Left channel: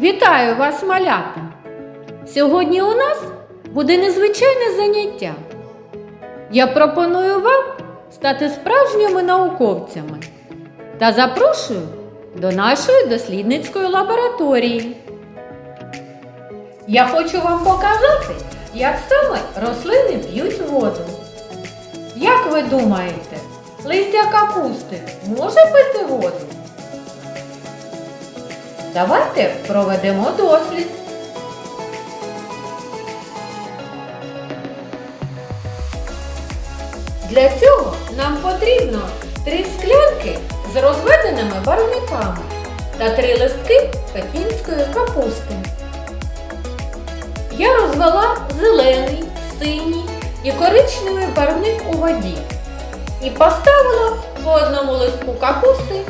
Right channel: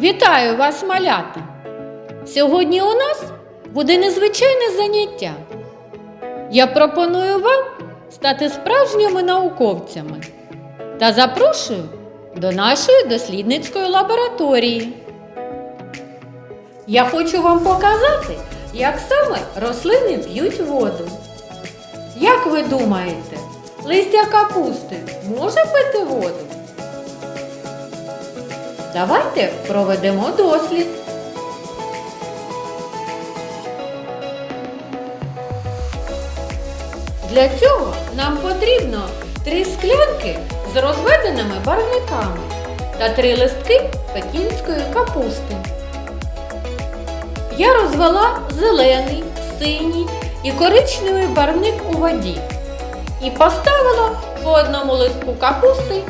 Вітаю вас, малята! Сьогодні у нас буде незвичайне заняття. Я пропоную вам стати справжніми науковцями та запрошую до нашої дослідницької лабораторії. Я хочу вам показати, як саме рослини п'ють воду. Як ви думаєте, листя капусти може пити воду? Давайте проведемо дослід. Для цього нам потрібно три склянки з розведеними барвниками та три листки пекінської капусти. Я розвела зелений, синій і коричневий барвник у воді і поставила по одному листку капусти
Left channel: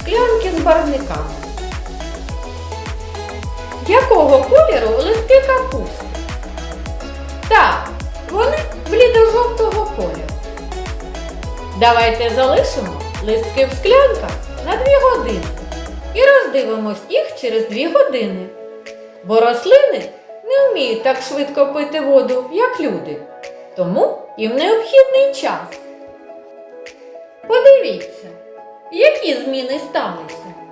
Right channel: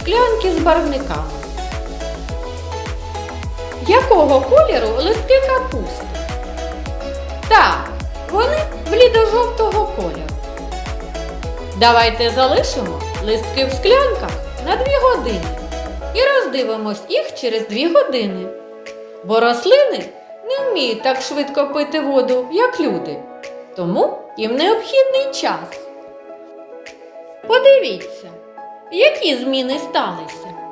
склянки з барвниками. Якого кольору листки капусти? Так, вони блідо-жовтого кольору. Давайте залишимо листки в склянках на 2 години і роздивимось їх через 2 години. Бо рослини не вміють так швидко пити воду, як люди. Тому їм необхідний час. Подивіться, які зміни сталися.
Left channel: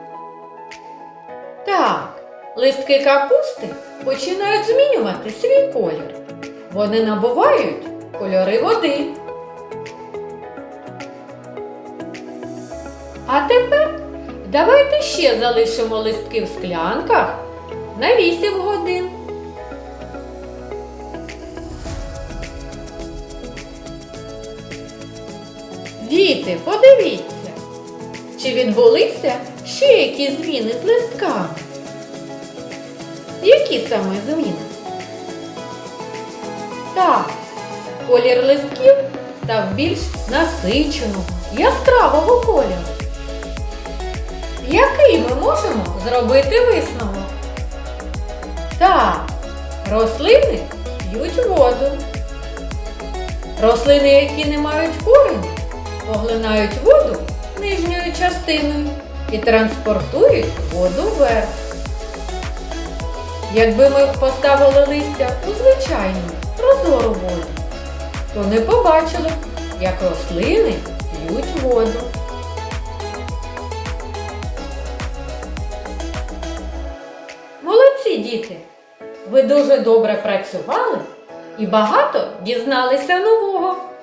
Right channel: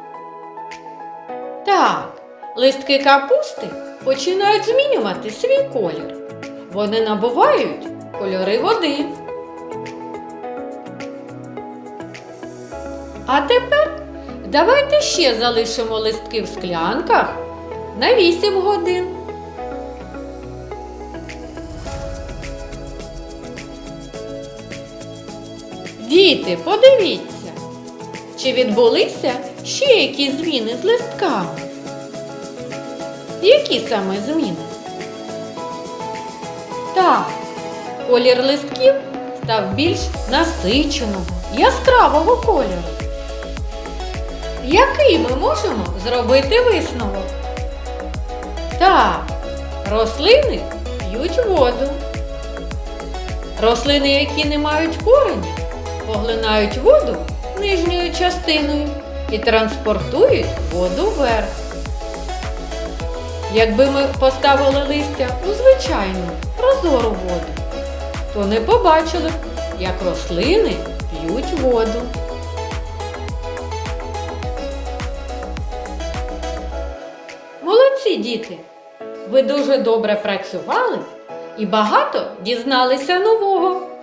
Листки капусти починають змінювати свій колір. Вони набувають кольори води. А тепер давайте ще залишимо листки в склянках на 8 годин. Діти, подивіться, чи відбулися ще які зміни з листками? Які саме зміни? Так, колір листків став більш насиченого, яскравого кольору. Який ми можемо зробити висновок? Так, рослини п'ють воду. Рослини, які не мають корені, поглинають воду нижньою частиною і транспортують воду вверх. Якби ми поставили листя у звичайну прозору воду, то не побачили, як рослини п'ють воду. Молодці діти! Ви дуже добре працювали і багато дізналися нового.